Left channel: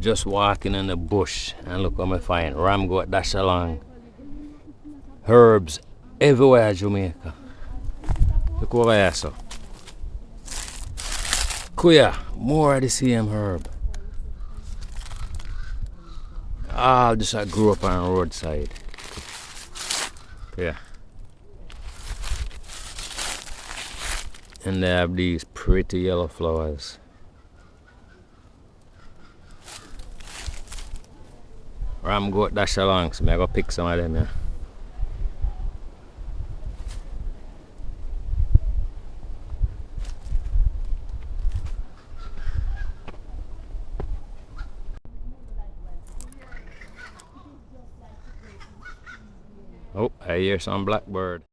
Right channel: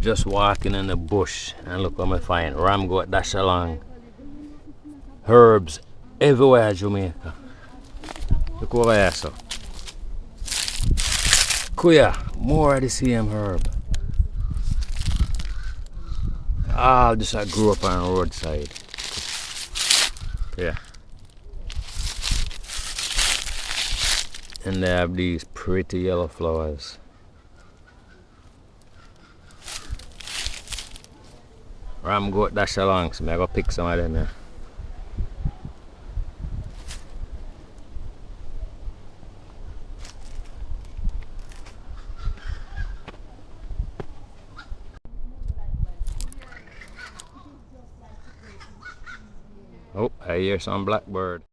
Just walking in the bush and look what I find. Ram goat dash along. Herbs everywhere in Jamaica. Look over here, so. Kuya, more of the same herb. All just I grew up on the roadside. Yeah. And they have these pretty yellow flowers. Ram goat dash along, so I go pick some of them here. Oh, I hear some blackbird.